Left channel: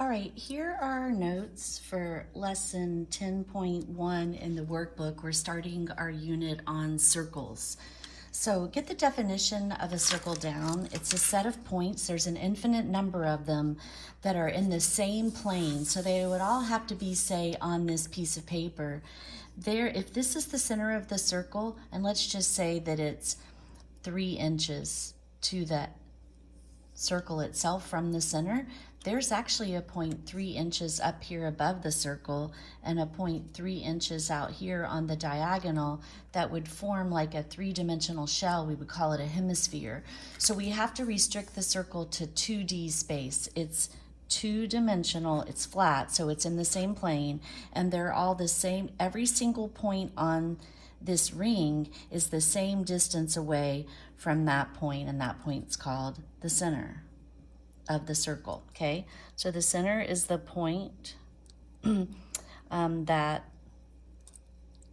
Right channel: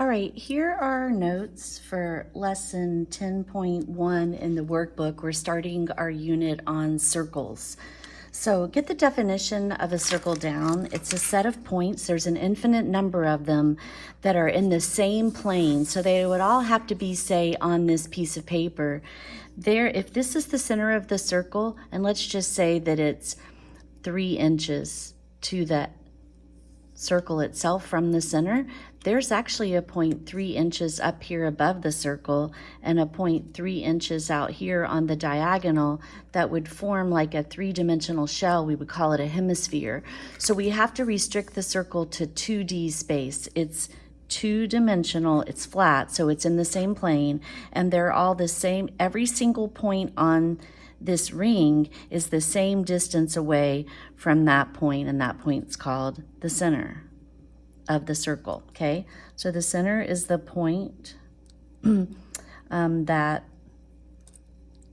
All right, here are our notes for lesson 10.1 in the workbook. We're starting our unit on circles. So get the definition of a circle down. It's a set of points. There's an infinite number of them that are in the same plane. So they would all have to be, say, on this piece of paper. There, if this is the center of the circle, and let's just say that it's 3 inches to the circle itself from the center, there's actually a point 3 inches up here above the circle and a point 3 inches out here on the diagonal that would form like a 3-dimensional shell. We would call it a hemisphere. So we have to restrict the circle to 2D space. It's 2-dimensional, it's flat, so it's in the same plane, and they're all the same. Every single point on this ring is the same distance away from that point, and that point's called the center of the circle, okay? So the center is the point that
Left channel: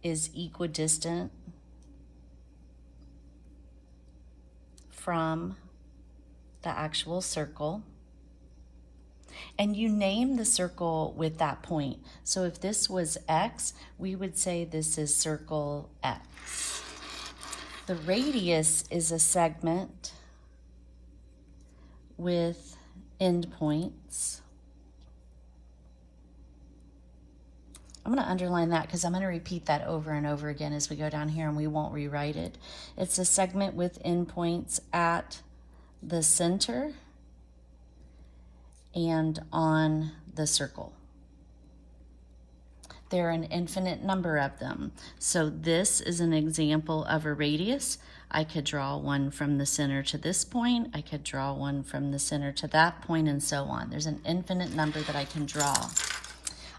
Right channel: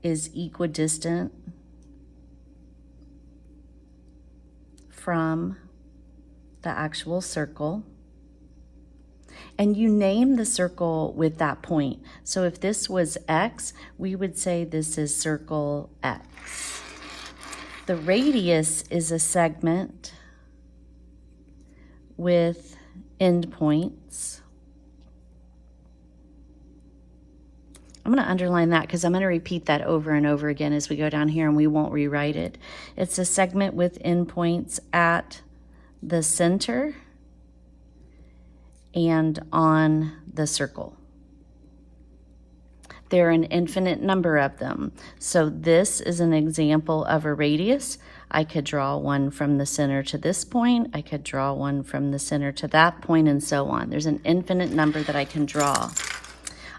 is equidistant from the actual circle. And you name the circle with that point. So if this was X, we would say this is circle X. The radius is a segment with endpoints. I'm going to underline that because I'm going to repeat that over and over again as we go down here, and we won't rewrite it. It's a segment with endpoints at the center and on the circle. There are an infinite number of them. So this is an example of a radius. I could draw one from the center to this point. I could draw one from the center to that point, and so on. There's an infinite number that I can draw.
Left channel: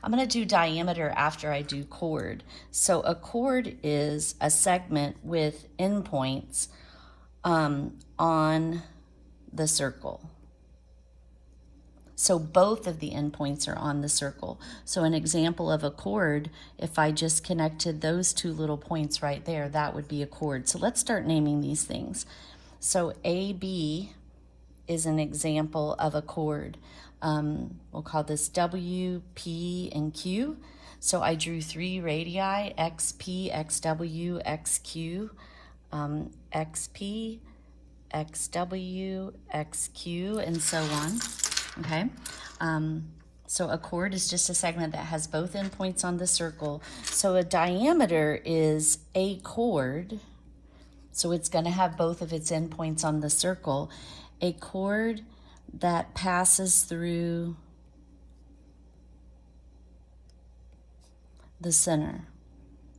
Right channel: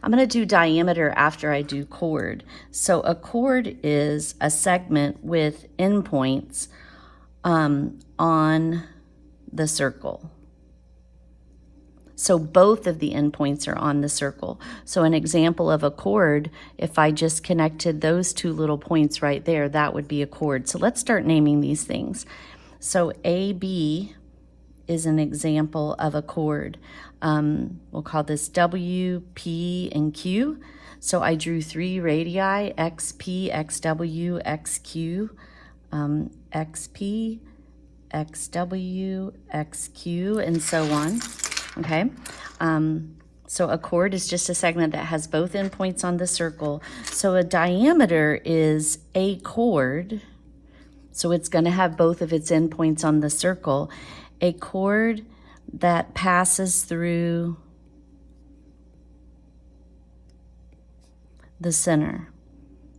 I'm going to do diameter after I do chord. So a chord is a segment with endpoints on the circle. So both of the endpoints are on the circle. So an example of a chord, if I just connected those two little points right there, that would be a chord. So let's start naming these things. So AB is an example of a chord. We'll call this W, P, and Q. So I drew 3 radii, XP, XW, XQ, XP, XW, XQ, and so on. Okay, so a chord is just a segment that has both endpoints on the circle. So a diameter is a chord, so it's going to have both of its endpoints on the circle. A chord that passes through the center,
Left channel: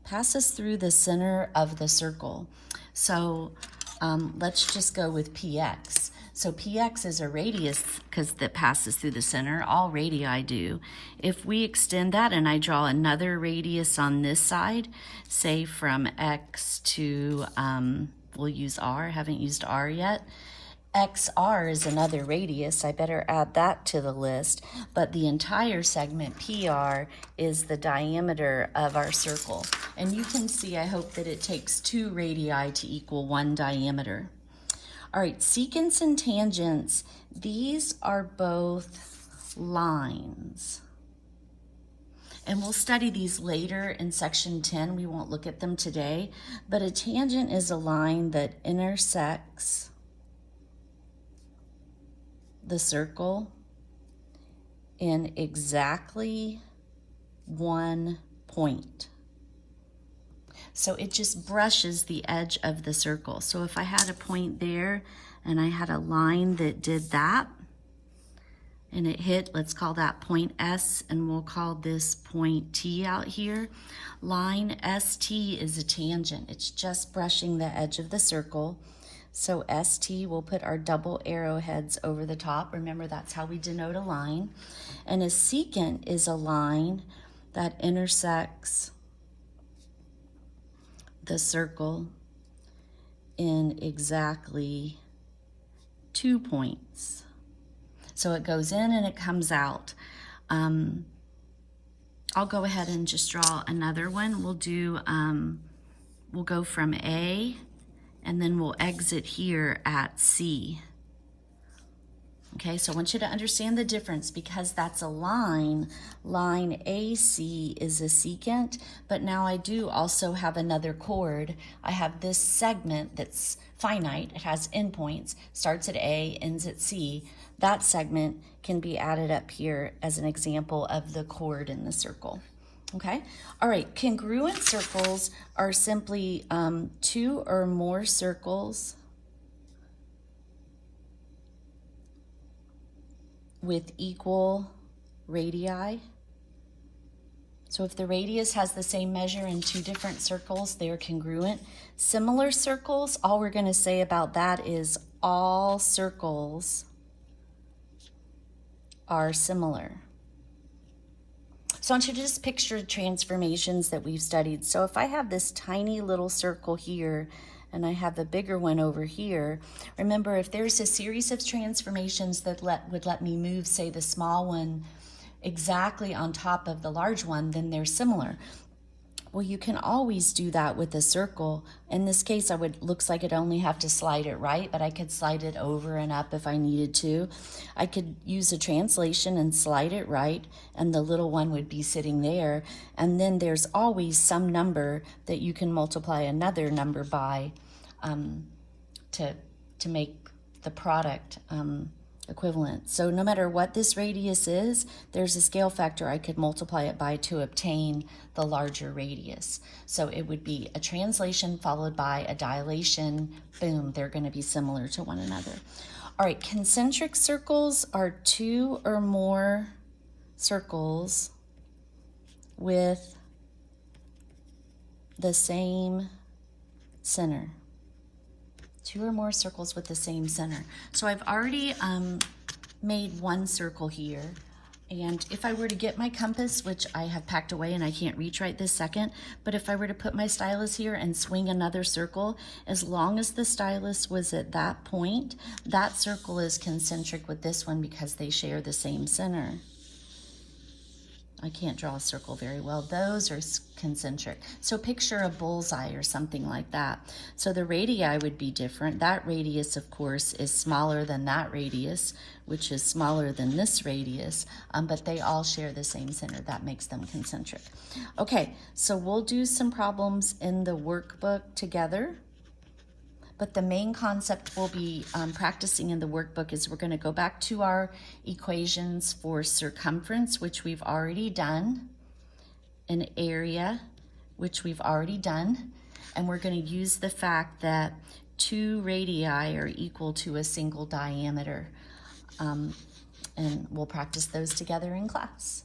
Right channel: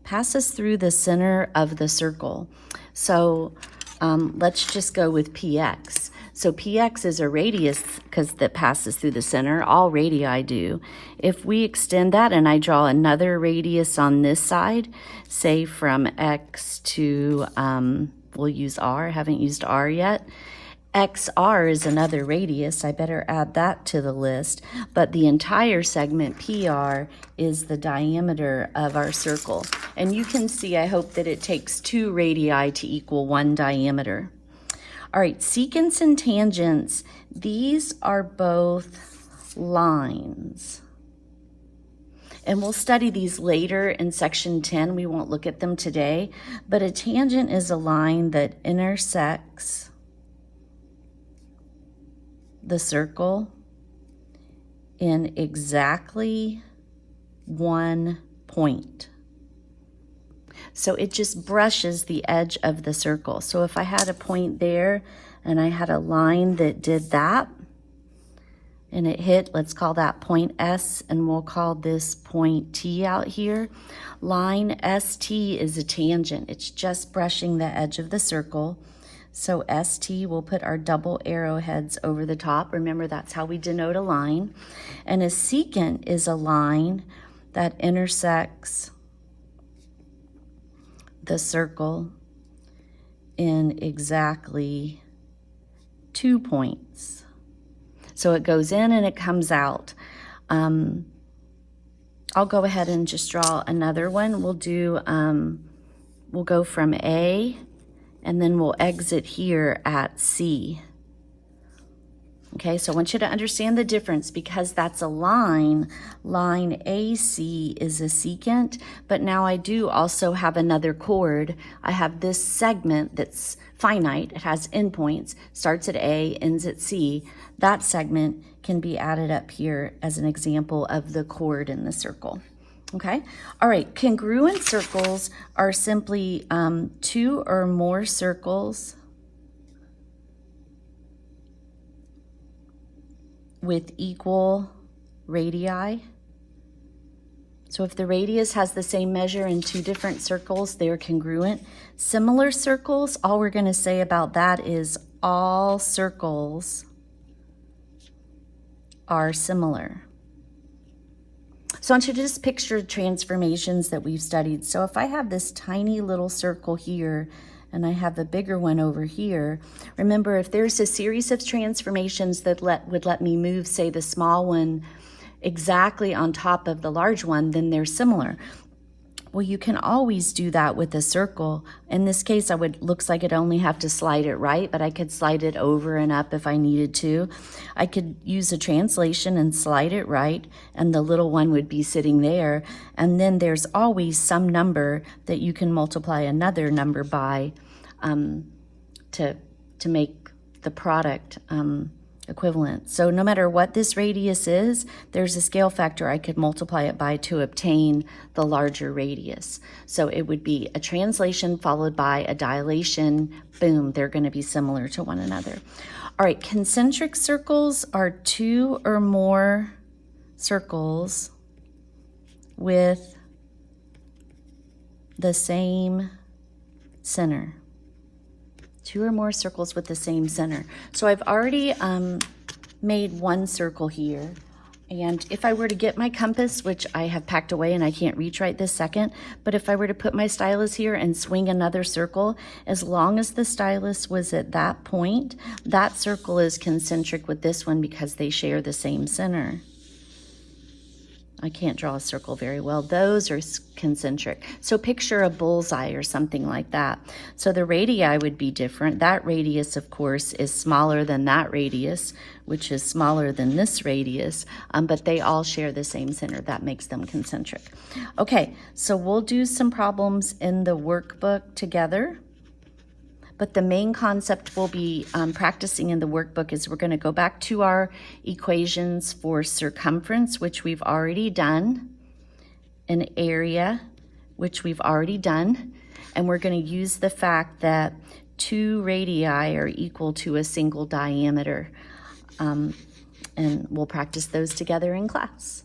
passes through the center of the circle. So let's just go with PX. So PX is a radius because that passes through the center. All radii do. If we extend that and I draw another radius on this side, say from X to, we'll use R, haven't used R yet. XR is another radius. I better add that to the list. But the entire segment PR is the diameter of our circle. And you can see, I hope that it takes 2 radii to equal 1 diameter. All right, secants and tangents, these are both lines. And we'll study these later in section 10. We won't look at them today. But a tangent is a line that intersects the circle in exactly 1 point. So it just brushes the edge of the circle. So if I had a point there and I had a line that did that and it hit, let's call that point S, and we'll call this point T out here. Line ST is a tangent. It's just brushing the edge of the circle. So ST, we'll put our double arrowheads over the top. Remember, that's how we denote a line. And a secant is a line that intersects the circle in exactly 2 points. So it goes in and it comes out. I'll go ahead and just draw another one. We'll do, we'll go from A and then we'll exit here at C. Okay, so I want you to understand the difference because that's a line. Line AC is a secant, but now I do also have another chord. I have this segment that's finite. It has endpoints, starts at A, ends at C. That segment can be added up here as an example of the chord in the circle. Okay, all right, congruent circles are simply two or more circles with equal radii. So if the radius has the same measure in two different circles, they're congruent. Similar circles, all we're going to say about that is all circles are similar. So I want you to just picture transformations that we've studied. So if I have this tiny little circle here and I have a bigger one over here, remember if there's a series of transformations that would let me move, say, the small one exactly on top of the large one, then they're similar. Well, you can always do that with a circle. In this case, looks like I'd only have to slide it right, but I could slide it over and up if I needed to. I could use a translation and slide it right, and the little one would be sitting there. And then there's always some number that you can multiply another number by to make the product equivalent. So no matter what this radius is, there's a scale factor I could multiply it by to obtain the larger radius. So it would be a translation followed by a dilation. Boom, they're going to be similar to one another. All right, concentric circles are two or more circles with the same center. Two or more circles with the same center. So I've already made one circle here. And if I were to get my compass, which I have packed away and I can't reach right this second, but if I were to put my stylus here and swing another circle, as long as the stylus was at that point, that circle is concentric with this one because they share the same center. I can't draw a circle very well. Those are concentric. So picture a bullseye or something like that. So the radii would be different. That radius, of course, is smaller than that radius, which is smaller than this radius, but they all share the same center. That makes them concentric. Okay, so we'll do some problems in the workbook together. But the main concept we'll be practicing in the workbook is we're going to go back to our equations for circumference, which we've already done, an area, which we've already done, and we're going to use the fact that two radii are equal to a single diameter. And we'll practice those together in class.